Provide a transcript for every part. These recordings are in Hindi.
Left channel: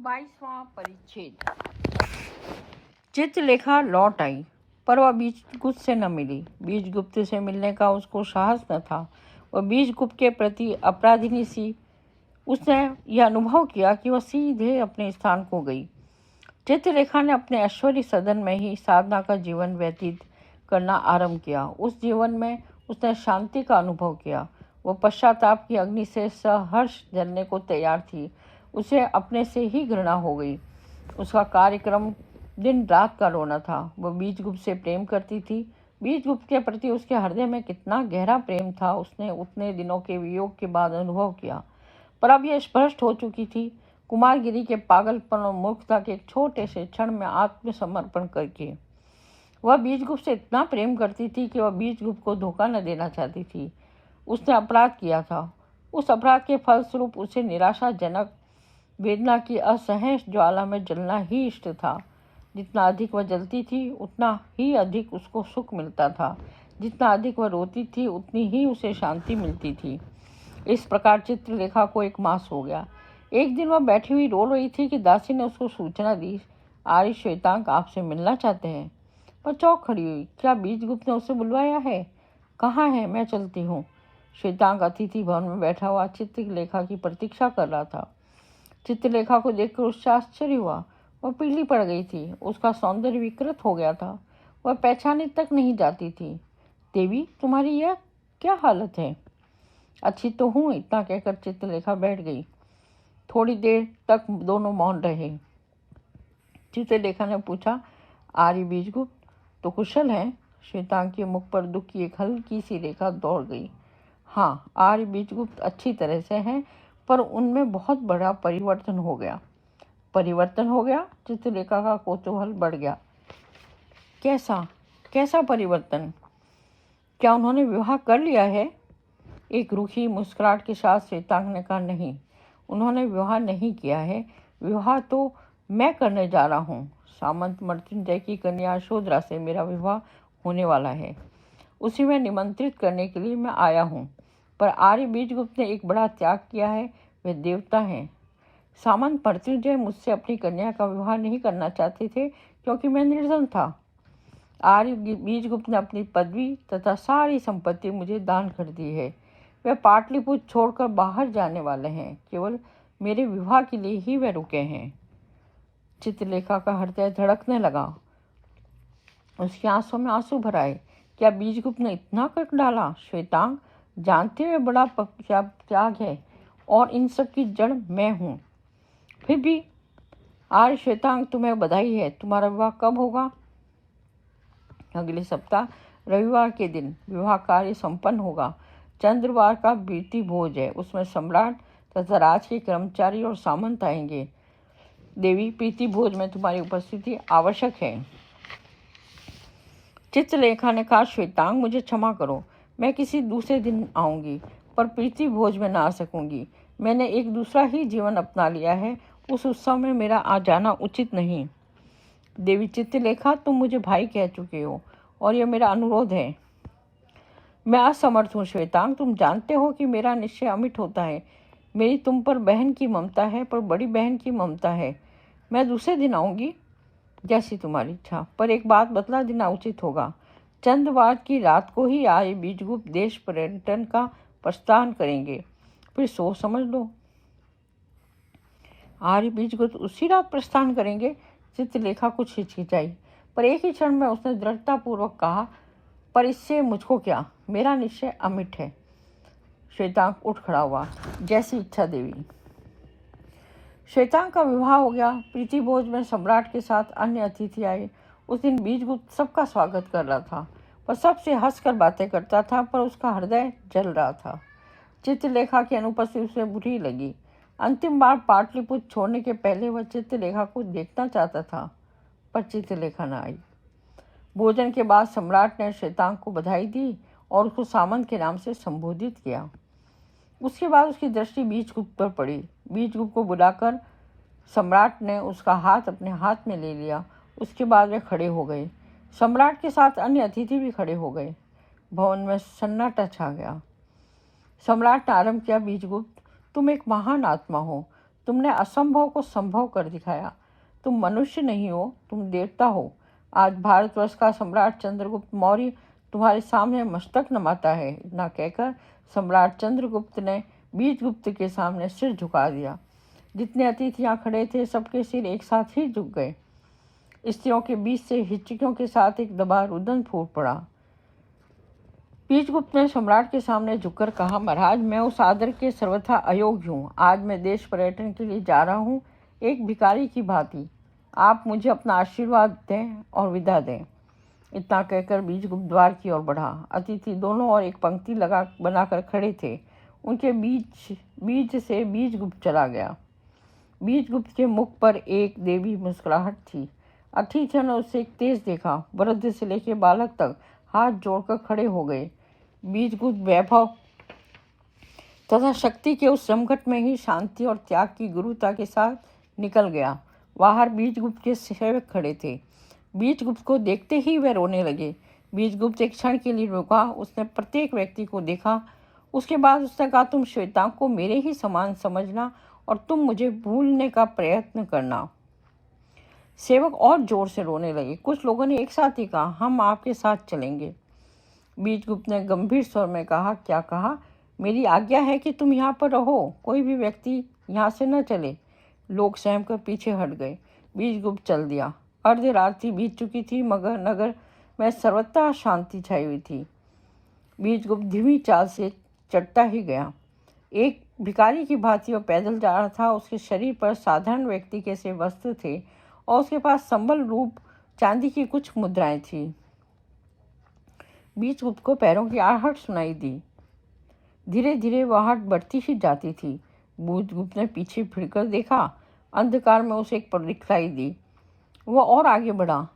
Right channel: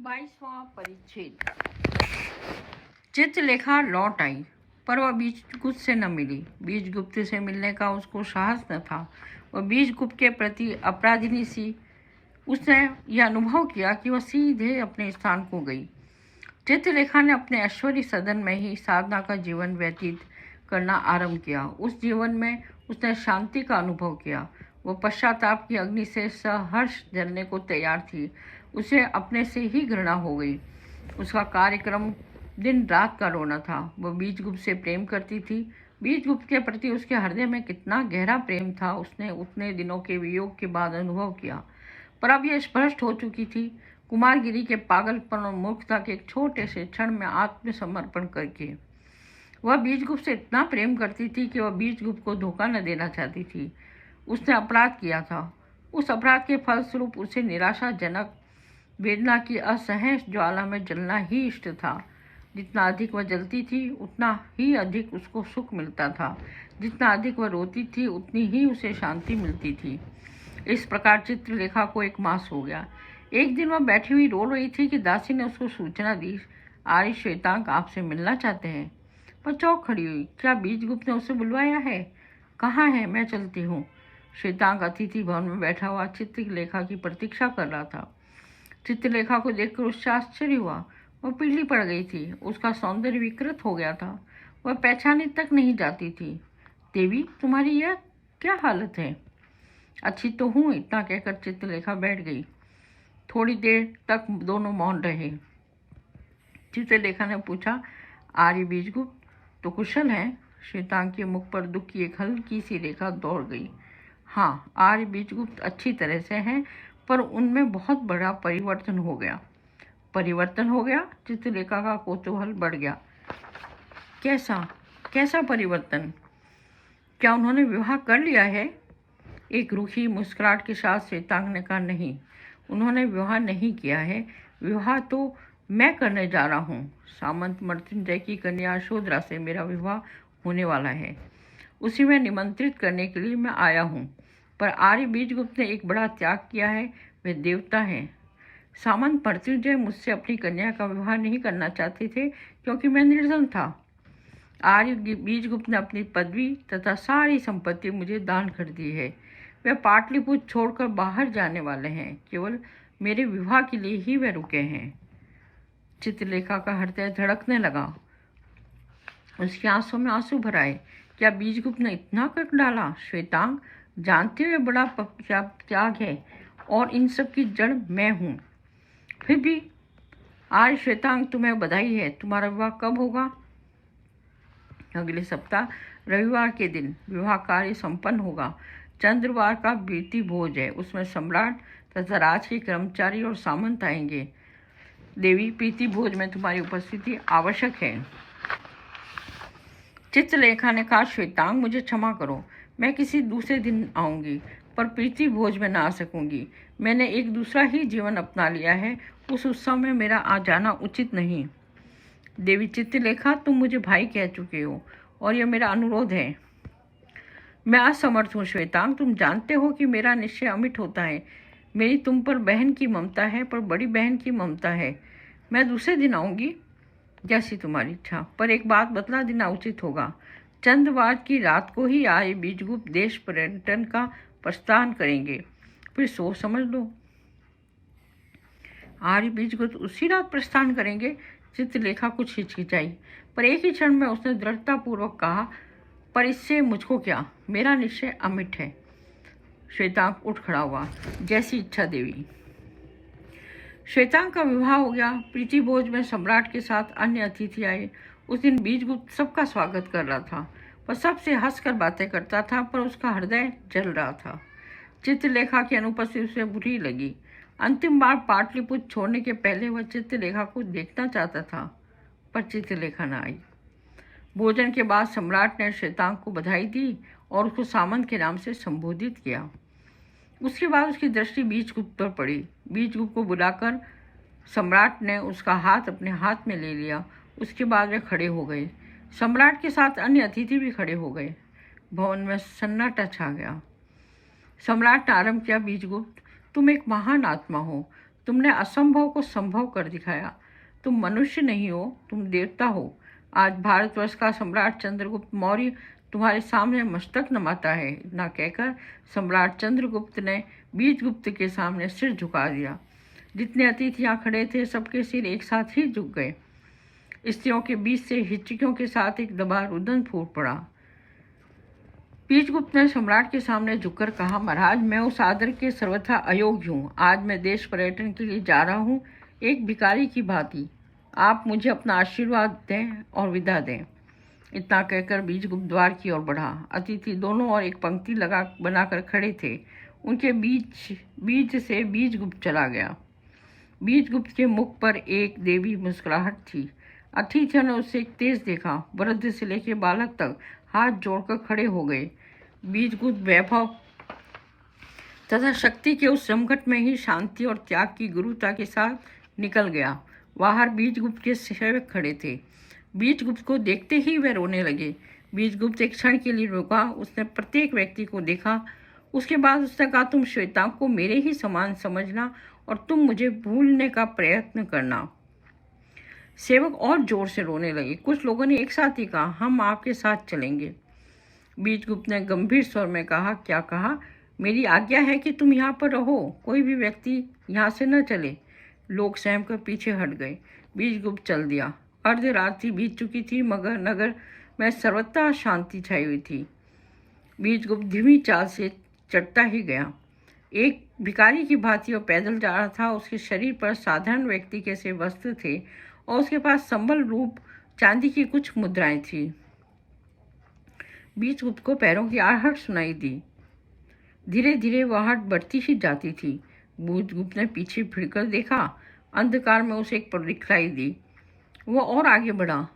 22वां परिच्छेद। चित्रलेखा लौट आई, पर वह बीजगुप्त से न मिली। बीजगुप्त से मिलने का उसको साहस न था। वह बीजगुप्त के प्रति अपराधिनी सी उसने यह अनुभव किया कि वह सीधे अपने स्थान को गई। चित्रलेखा ने अपने ऐश्वर्य सदन में ही साधना का जीवन व्यतीत करना आरंभ किया। उस जीवन में उसने शांति का अनुभव किया। वह पश्चाताप की अग्नि से सहर्ष जलने को तैयार थी। उसे अपने से ही घृणा हो गई। उसका कार्यक्रम दिन रात का रोना था। वह बीजगुप्त से प्रेम करती थी। बीजगुप्त के प्रति उसके हृदय में कितना गहरा प्रेम था उसने उतने दिनों के वियोग के बाद अनुभव किया, पर अब यह स्पष्ट हो चुकी थी। कुमारगिरी के पागलपन और मूर्खता के एक छोटे से क्षण में आत्मसमर्पण करके वह बीजगुप्त से इतना प्रेम करती थी कि वह बीजगुप्त को धोखा न देना चाहती थी। उसने अपराध किया था। उस अपराध के फलस्वरूप उसे निराशाजनक वेदना की असह्य ज्वाला में जलना ही इष्ट था। जितना अधिक वह जलती थी उतना ही अधिक उसको सुख मिलता था। जितना अधिक वह रोती थी उतनी ही उसे शांति मिलती थी। इस प्रकार चित्रलेखा को एक मास हो गया। एक दिन वह बैठी हुई रो रही थी कि दासी ने उसको सूचना दी, आर्य श्वेतांक आपसे मिलना चाहते हैं। वह चौंक खड़ी हुई। क्या बीजगुप्त ने उसे बुलवाया है? कहाँ है? मैं चलती हूँ। श्वेतांक अतिथि भवन में बैठा हुआ चित्रलेखा की प्रतीक्षा कर रहा था। चित्रलेखा को देखकर उससे आश्चर्य हुआ। वह पीली पड़ गई थी। उसका सौंदर्य विकृत हो गया था। वह पहचानी तक नहीं जाती थी। देवी, तुम्हारी यह क्या हालत है? अच्छी तो हूँ, इतना कहकर चित्रलेखा बैठ गई। थोड़ी देर तक दोनों मौन रहे। चित्रलेखा ने पूछा, आर्य बीजगुप्त तो कुशल हैं? श्वेतांक के मुख पर दुख की एक हल्की सी रेखा दौड़ गई। हाँ, आर्य बीजगुप्त अच्छी तरह से हैं, पर उनमें बहुत बड़ा परिवर्तन हो गया। परिवर्तन हो गया? चित्रलेखा का कौतूहल बढ़ गया। कैसा परिवर्तन? क्या उन्होंने विवाह कर लिया है? एक रूखी मुस्कुराहट के साथ श्वेतांक ने कहा, नहीं, उन्होंने विवाह नहीं किया है। विवाह तो मैं करने जा रहा हूँ। सामंत मृत्युंजय की कन्या यशोधरा से मेरा विवाह होने वाला है। उसी में निमंत्रित करने के लिए मैं आया हूँ। पर आर्य बीजगुप्त ने एक बड़ा त्याग किया है। वे देवता हैं। सामंत मृत्युंजय मुझसे अपनी कन्या का विवाह नहीं करना चाहते थे क्योंकि मैं निर्धन था। आर्य बीजगुप्त ने अपनी पदवी तथा सारी संपत्ति मुझे दान कर दी है। वे पाटलिपुत्र छोड़कर बाहर जाने वाले हैं। केवल मेरे विवाह के लिए ही वे रुके हैं। चित्रलेखा का हृदय धड़कने लगा। उसकी आंसुओं में आंसू भर आए। क्या बीजगुप्त ने इतना कर डाला? श्वेतांक, जानते हुए बड़ा क्या त्याग है, और इन सब की जड़ मैं हूँ। फिर भी आज श्वेतांक, तुम्हें बधाई है। तुम्हारा विवाह कब होगा? अगले सप्ताह रविवार के दिन विवाह कार्य संपन्न होगा। चंद्रवार का प्रीति भोज है। उसमें सम्राट तथा राज के कर्मचारी और सामंत आएंगे। देवी, प्रीति भोज में तुम्हारी उपस्थिति आवश्यक है। चित्रलेखा ने कहा, श्वेतांग, मुझे क्षमा करो, मैं किसी दूसरे दिन आऊँगी, पर प्रीति भोज में ना आ सकूँगी। मैंने एक दूसरा ही जीवन अपना लिया है। उस उत्सव में मेरा आ जाना उचित नहीं। देवी चित्रलेखा, तुम मुझे भाई कह चुके हो और यह मेरा अनुरोध है। मैं असमर्थ हूँ श्वेतांग। तुम जानते हो कि मेरा निश्चय अमिट होता है। मेरी तुम पर बहन की ममता है, पर बड़ी बहन की ममता है। मैं दूसरे दिन आऊँगी, जैसी तुम्हारी इच्छा, पर एक बात बतला देना उचित होगा। चंद्रवार की रात को ही आर्य बीजगुप्त देश पर्यटन का प्रस्थान करेंगे। फिर सोच समझ लो। आर्य बीजगुप्त उसी रात प्रस्थान करेंगे? चित्रलेखा कुछ हिचकिचाई, पर एक ही क्षण में उसने दृढ़तापूर्वक कहा, पर इससे मुझको क्या? मेरा निश्चय अमिट है। श्वेतांक उठ खड़ा हुआ। जैसी इच्छा देवी। श्वेतांक का विवाह हो गया। प्रीति भोज में सम्राट के साथ अन्य अतिथि आए। उस दिन बीजगुप्त सबका स्वागत कर रहा था। वह सबसे हंसकर बातें करता था, पर उसका हृदय जल रहा था। चित्रलेखा की अनुपस्थिति उसे बुरी लगी। अंतिम बार पाटलिपुत्र छोड़ने के पहले वह चित्रलेखा को देखना चाहता था, पर चित्रलेखा न आई। भोजन के बाद सम्राट ने श्वेतांक को बधाई दी और उसको सामंत के नाम से संबोधित किया। उसके बाद उसकी दृष्टि बीजगुप्त पर पड़ी। बीजगुप्त को बुलाकर सम्राट ने उसका हाथ अपने हाथ में ले लिया। उसके बाद वे खड़े हो गए। सम्राट के साथ अन्य अतिथि भी खड़े हो गए। भवन में सन्नाटा छा गया। सम्राट ने आरंभ किया, बीजगुप्त, तुम एक महान आत्मा हो। तुमने असंभव को संभव कर दिखाया। तुम मनुष्य नहीं हो, तुम देवता हो। आज भारतवर्ष का सम्राट चंद्रगुप्त मौर्य तुम्हारे सामने मस्तक नमाता है। इतना कहकर सम्राट चंद्रगुप्त ने बीजगुप्त के सामने सिर झुका दिया। जितने अतिथि यहाँ खड़े थे सबके सिर एक साथ ही झुक गए। स्त्रियों के बीच से हिचकियों के साथ एक दबा रुदन फूट पड़ा। बीजगुप्त ने सम्राट के सामने झुककर कहा, महाराज, मैं उस आदर के सर्वथा अयोग्य हूँ। आज मैं देश पर्यटन के लिए जा रहा हूँ, एक भिखारी की भांति। आप मुझे अपना आशीर्वाद दें और विदा दें। इतना कहकर बीजगुप्त द्वार की ओर बढ़ा। अतिथि दोनों ओर एक पंक्ति बनाकर खड़े थे। उनके बीच से बीजगुप्त चला गया। बीजगुप्त के मुख पर एक देवी मुस्कुराहट थी। अतिथियों ने उसे तेज देखा। वृद्ध से लेकर बालक तक हाथ जोड़कर खड़े हो गए। बीजगुप्त वैभव तथा शक्ति के उस संकट में ही शांति और त्याग की गुरुता के साथ निकल गया। बाहर बीजगुप्त के सेवक खड़े थे। बीजगुप्त को देखते ही वे रोने लगे। बीजगुप्त एक क्षण के लिए रुका। उसने प्रत्येक व्यक्ति को देखा। उसके बाद उसने कहा, तुम श्वेतांग को मेरे ही समान समझना और तुम मुझे भूलने का प्रयत्न करना। सेवक और जोर से रोने लगे। कुछ लोगों ने एक साथ ही कहा, हम आपके साथ चलेंगे। बीजगुप्त ने गंभीर स्वर में कहा, क्या कहा? मेरी आज्ञा है कि तुम यहाँ पर रहो, कोई भी व्यक्ति यहाँ से न चले। लोग सहम कर पीछे हट गए। बीजगुप्त चल दिया। अर्धरात्रि बीत चुकी थी मगर नगर में सर्वथा शांति छाई हुई थी। बीजगुप्त धीमी चाल से चढ़ता ही गया। एक भिखारी की भांति वह पैदल जा रहा था। उसके शरीर पर साधारण व्यक्ति के से वस्त्र थे और उसके पास संबल रूप चांदी की कुछ मुद्राएं थी। बीजगुप्त को पैरों की आहट सुनाई दी। धीरे धीरे वह आहट बढ़ती ही जाती थी। बीजगुप्त ने पीछे फिरकर देखा। अंधकार में उसे एक पग दिखलाई दी। वह और आगे बढ़ा।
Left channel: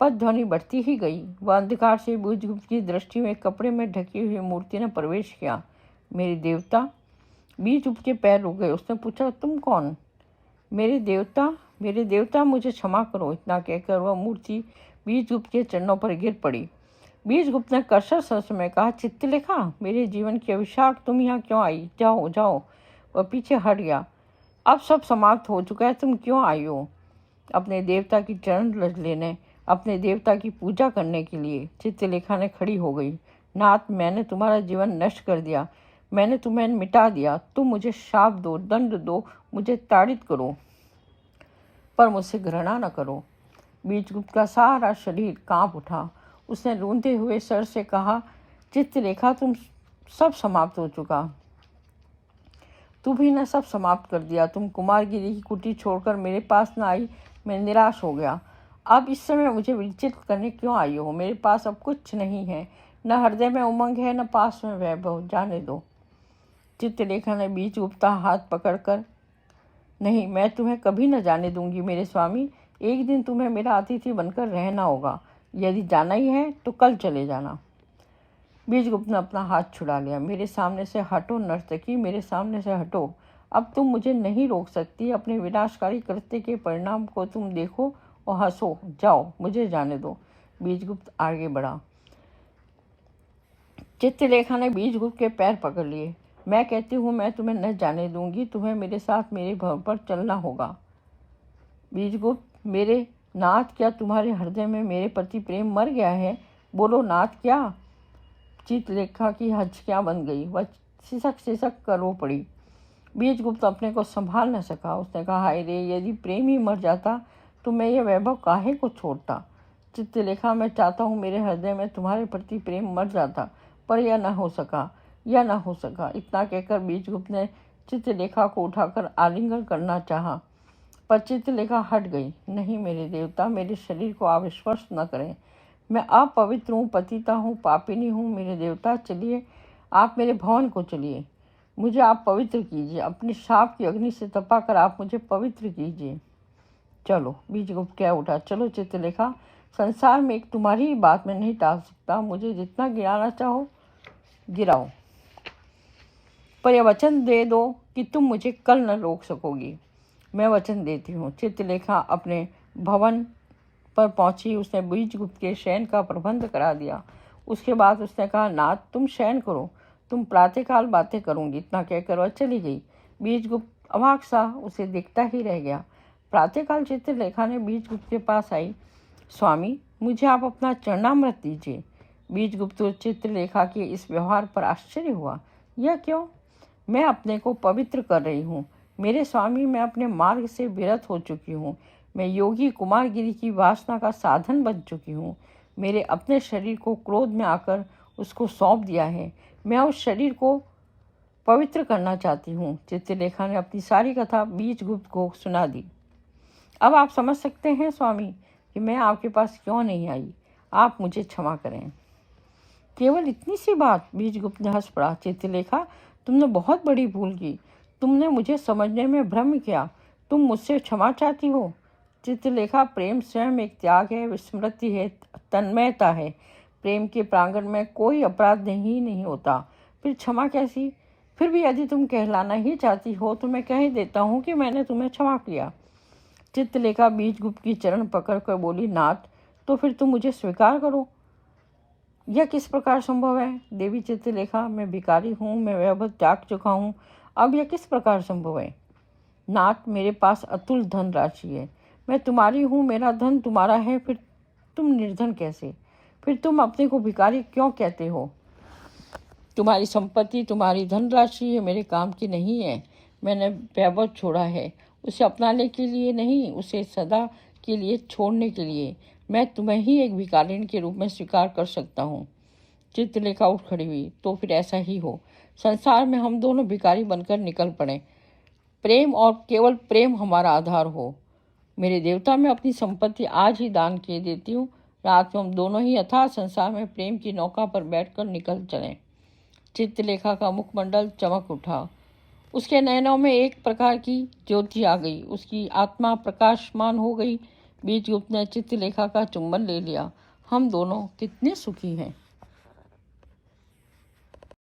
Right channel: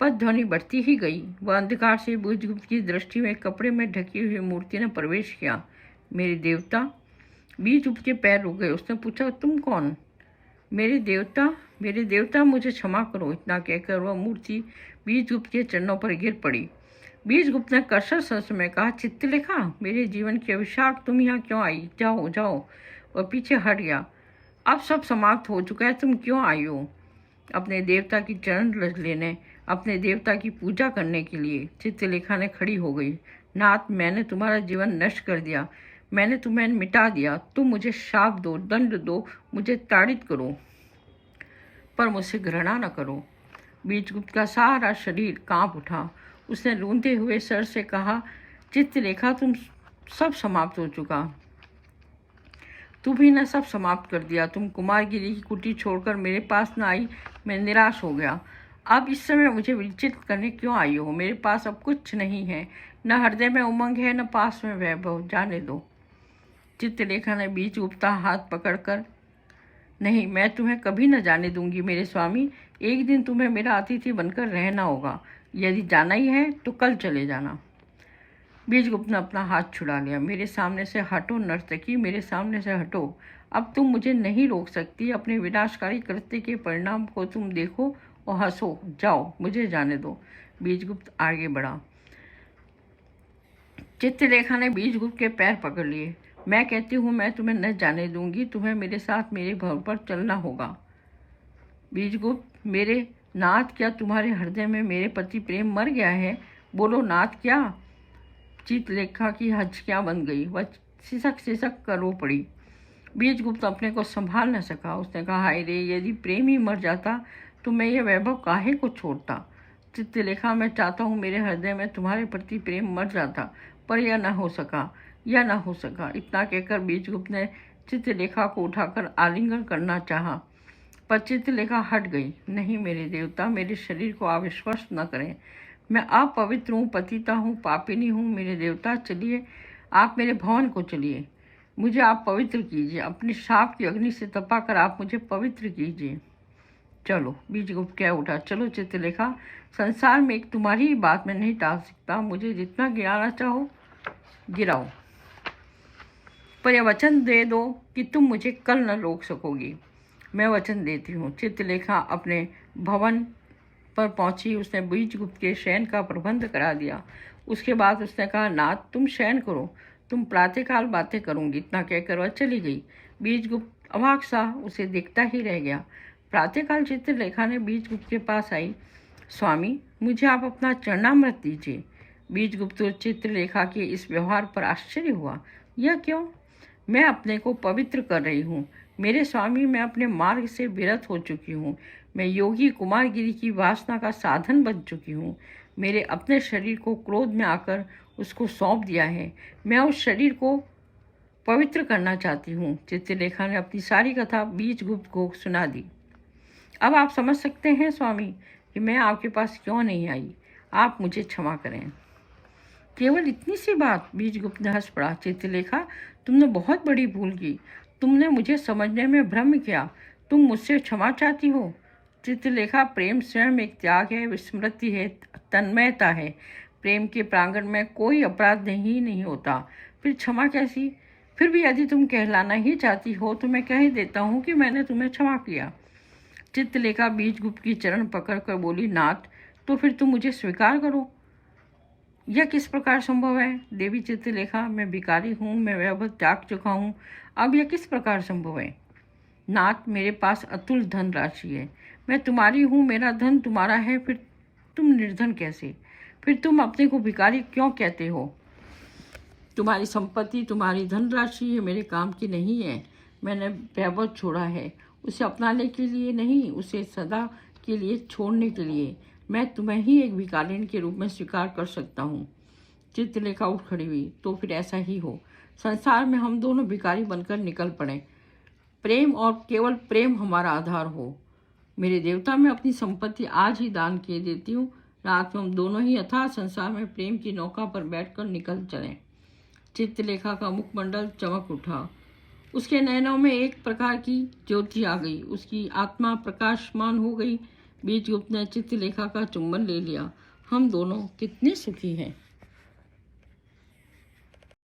पद ध्वनि बढ़ती ही गई। वह अंधकार से बीजगुप्त की दृष्टि में कपड़े में ढकी हुई मूर्ति ने प्रवेश किया। मेरे देवता। बीजगुप्त के पैर रुक गए। उसने पूछा, तुम कौन? मेरे देवता, मुझे क्षमा करो। इतना कहकर वह मूर्ति बीजगुप्त के चरणों पर गिर पड़ी। बीजगुप्त ने कर्कश स्वर में कहा, चित्रलेखा, मेरे जीवन की अभिशाप, तुम यहाँ क्यों आई? जाओ जाओ। वह पीछे हट गया। अब सब समाप्त हो चुका है, तुम क्यों आई हो? अपने देवता की चरण रज लेने, अपने देवता की पूजा करने के लिए। चित्रलेखा ने खड़ी हो गई। नाथ, मैंने तुम्हारा जीवन नष्ट कर दिया। मैंने तुम्हें मिटा दिया। तुम मुझे शाप दो, दंड दो, मुझे ताड़ित करो, पर मुझसे घृणा न करो। बीजगुप्त का सारा शरीर कांप उठा। उसने रोते हुए सर से कहा, चित्रलेखा, तुम सब समाप्त हो चुका। तुम्ही ने सब समाप्त कर दिया। तुम कुमारगिरी की कुटी छोड़कर मेरे पास न आई। मैं निराश हो गया। अब इस समय मुझे विचलित करने क्यों आई हो? मेरे पास अब कुछ नहीं है, न हृदय में उमंग है, न पास में वैभव। जाने दो। चित्रलेखा ने बीजगुप्त का हाथ पकड़कर, नहीं, मैं तुम्हें कभी न जाने दूंगी मेरे स्वामी। एक दिन तुम्हें मेरा अतिथि बनकर रहना होगा। यदि जाना ही है तो कल चले जाना। बीजगुप्त ने अपना हाथ छुड़ा लिया। मेरे सामने से हटो नर्तकी, मेरे सामने से हटो। अब तुम मुझे नहीं रोक सकती। अपने विनाशकारी कृत्य के परिणाम को तुम देखो और हंसो। जाओ, मुझे जाने दो। बीजगुप्त आगे बढ़ा। चित्रलेखा ने बीजगुप्त के पैर पकड़ लिए। मैं कहती हूँ, मैं तुम्हें न जाने दूंगी। तुम्हें मेरे साथ मेरे घर पर चलना होगा। बीजगुप्त, मेरे नाथ, क्या तुम्हारे हृदय में मेरे प्रति प्रेम मर गया है? बोलो नाथ, क्या? चित्रलेखा की हचकियाँ बन गई। वह सिसक सिसक कर रो पड़ी। बीजगुप्त अपने को संभाल न सका। उसने कहा, हाय रे, यदि प्रेम ही मर जाता तो मैं ये वैभव काहे को छोड़ता? चित्रलेखा, मैं चाहता हूँ मेरे हृदय में तुम्हारे प्रति प्रेम मर जाता, पर यह न हो सका। इतना कहकर बीजगुप्त ने चित्रलेखा को उठाकर आलिंगन करना चाहा, पर चित्रलेखा हट गई। नहीं मेरे देवता, मेरे शरीर को अविश्वस्त न करें। मैं अपवित्र हूँ, पतिता हूँ, पापिनी हूँ। मेरे देवता, चलिए, आप मेरे भवन को चलिए। मुझे आप पवित्र कीजिए। अपने शाप की अग्नि से तपा कर आप मुझे पवित्र कीजिए। चलो, बीजगुप्त कह उठा। चलो चित्रलेखा, संसार में एक तुम्हारी ही बात मैं नहीं टाल सकता। मुझे जितना गिराना चाहो गिराओ, पर यह वचन दे दो कि तुम मुझे कल न रोक सकोगी। मैं वचन देती हूँ। चित्रलेखा अपने भवन पर पहुंची। उसने बीजगुप्त के शयन का प्रबंध करा दिया। उसके बाद उसने कहा, नाथ, तुम शयन करो, तुम प्रातःकाल बातें करूंगी। इतना कहकर वह चली गई। बीजगुप्त अवाक सा उसे देखता ही रह गया। प्रातःकाल चित्रलेखा ने बीजगुप्त के पास आई। स्वामी, मुझे आप अपना चरणामृत दीजिए। बीजगुप्त और चित्रलेखा के इस व्यवहार पर आश्चर्य हुआ। यह क्यों? मैं अपने को पवित्र कर रही हूँ। मेरे स्वामी, मैं अपने मार्ग से विरत हो चुकी हूँ। मैं योगी कुमारगिरी की वासना का साधन बन चुकी हूँ। मेरे अपने शरीर को क्रोध में आकर उसको सौंप दिया है। मैं उस शरीर को पवित्र करना चाहती हूँ। चित्रलेखा ने अपनी सारी कथा बीजगुप्त को सुना दी। अब आप समझ सकते हैं स्वामी कि मैं आपके पास क्यों नहीं आई। आप मुझे क्षमा करें। केवल इतनी सी बात? बीजगुप्त ने हंस पड़ा। चित्रलेखा, तुमने बहुत बड़ी भूल की। तुमने मुझे समझने में भ्रम किया। तुम मुझसे क्षमा चाहती हो? चित्रलेखा, प्रेम स्वयं एक त्याग है, विस्मृति है, तन्मयता है। प्रेम के प्रांगण में कोई अपराध नहीं होता। फिर क्षमा कैसी? फिर भी यदि तुम कहलाना ही चाहती हो तो मैं कह ही देता हूँ कि मैंने तुम्हें क्षमा किया। चित्रलेखा बीजगुप्त की चरण पकड़कर बोली, नाथ, तो फिर तुम मुझे स्वीकार करो। यह किस प्रकार संभव है? देवी चित्रलेखा, मैं भिखारी हूँ, मैं वैभव त्याग चुका हूँ। अब यह किस प्रकार संभव है? नाथ, मेरे पास अतुल धन राशि है। मैं तुम्हारी हूँ, मेरा धन तुम्हारा है, फिर तुम निर्धन कैसे? फिर तुम अपने को भिखारी क्यों कहते हो? तुम्हारी संपत्ति, तुम्हारी धनराशि ये मेरे काम की नहीं है। मैंने वैभव छोड़ा है, उसे अपनाने के लिए नहीं, उसे सदा के लिए छोड़ने के लिए। मैं तुम्हें ही एक भिखारिन के रूप में स्वीकार कर सकता हूँ। चित्रलेखा उठ खड़ी हुई। तो फिर ऐसा ही हो। संसार में हम दोनों भिखारी बनकर निकल पड़े। प्रेम और केवल प्रेम हमारा आधार हो। मेरे देवता, मैं अपनी संपत्ति आज ही दान किए देती हूँ। रात को हम दोनों ही अथाह संसार में प्रेम की नौका पर बैठकर निकल चलें। चित्रलेखा का मुखमंडल चमक उठा। उसके नयनों में एक प्रकार की ज्योति आ गई। उसकी आत्मा प्रकाशमान हो गई। बीजगुप्त ने चित्रलेखा का चुंबन ले लिया। हम दोनों कितने सुखी हैं।